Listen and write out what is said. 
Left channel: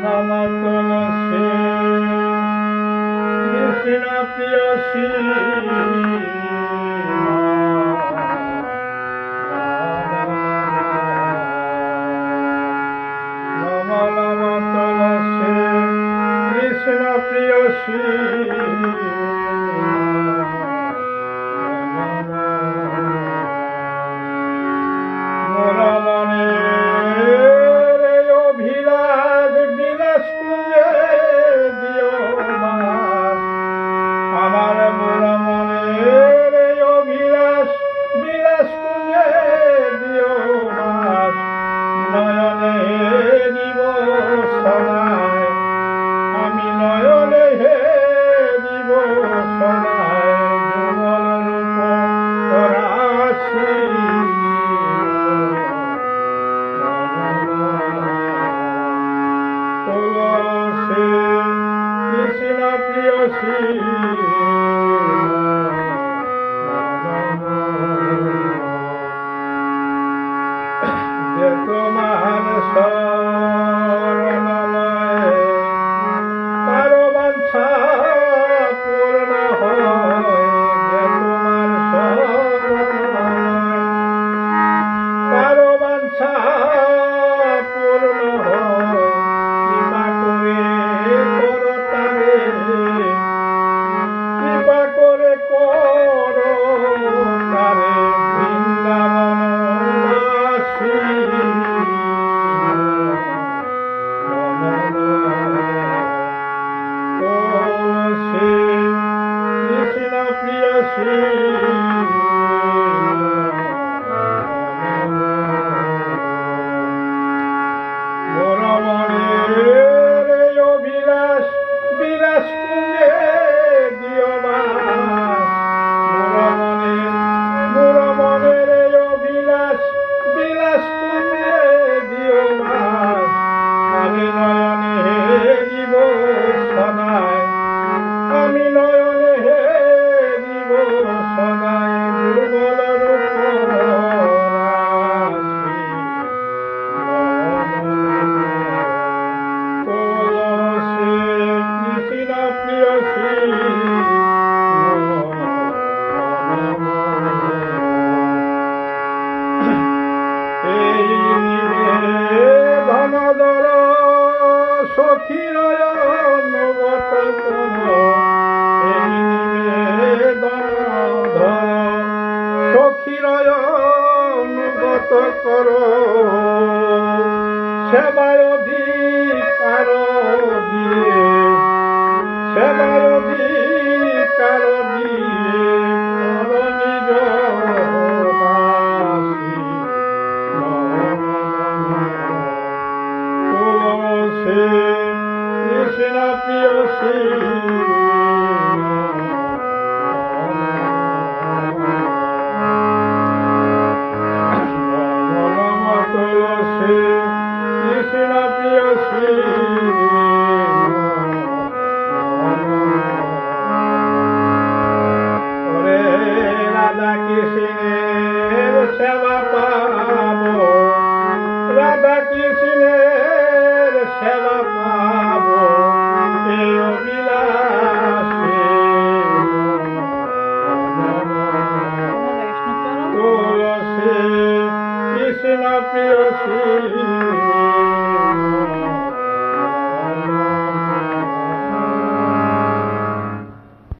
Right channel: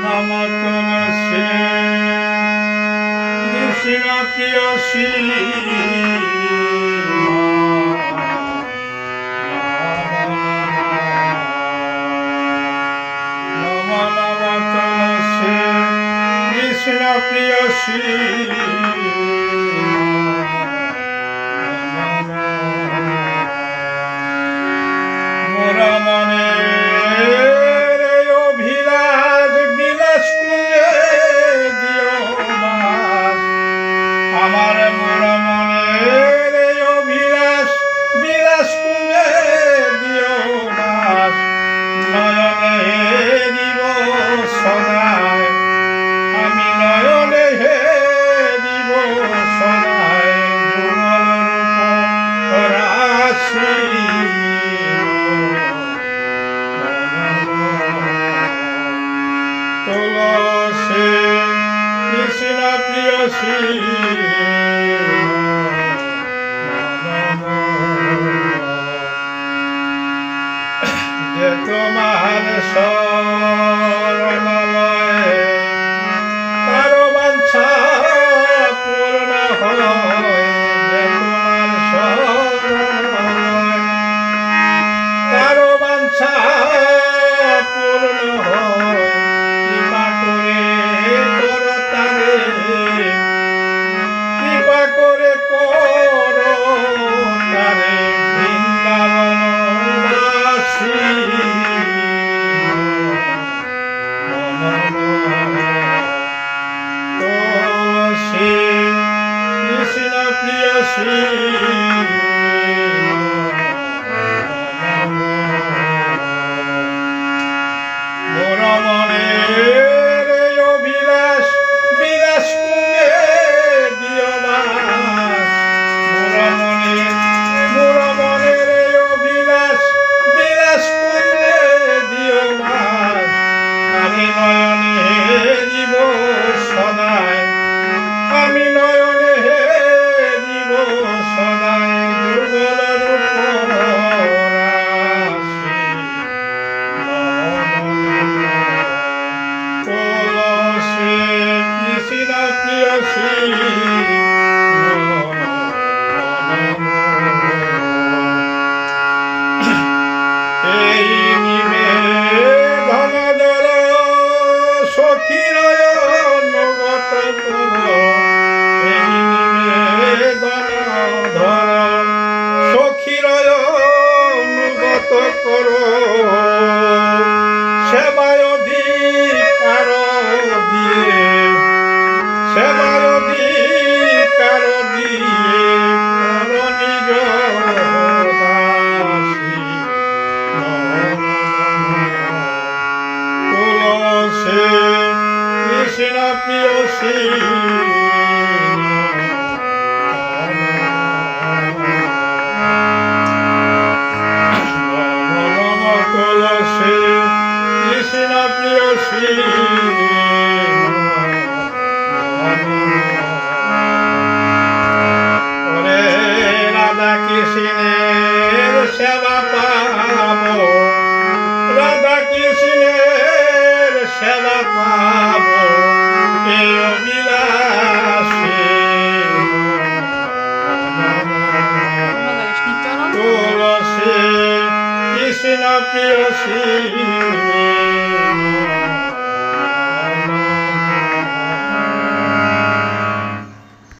নম তুলসী কৃষ্ণ প্রিয়সী নম নম তুলসী কৃষ্ণ প্রিয়সী মোর মনে আমার মোর মনের অভিলাষ বিলাস কুঞ্জে দিও মাস নয়নে দিব সদায় আমি নয়নে দিব সদায় যুগল রাশি তুলসী কৃষ্ণ প্রিয়সী যে তোমার শরণ লয়ে তার বাঞ্ছা পূর্ণ হয় যে তোমার শরণ লয়ে তার বাঞ্ছা পূর্ণ হয় কৃপা করে করো তারে বৃন্দাবন বাসী তুলসী কৃষ্ণ প্রিয়সী মোর মনের অভিলাষ বিলাস কুঞ্জে দিও মাস মোর মনের অভিলাষ বিলাস কুঞ্জে দিও মাস আমি নয়নে দিব সদায় আমি নয়নে দিব সদায় যুগল রূপ রাশি তুলসী কৃষ্ণ প্রিয়সী এই নিবেদন দর সখীর অনুগত কর এই নিবেদন ধর সখীর অনুগত কর সেবায় অধিকার দিয়ে সেবায় অধিকার দিয়ে কর নিজ দাসী তুলসী কৃষ্ণ প্রিয়সী নম তুলসী কৃষ্ণ প্রিয়সী ওরে রাধা কৃষ্ণের সেবা পাব রাধা কৃষ্ণের সেবা পাব এই অভিলাষে তুলসী কৃষ্ণ প্রিয়সী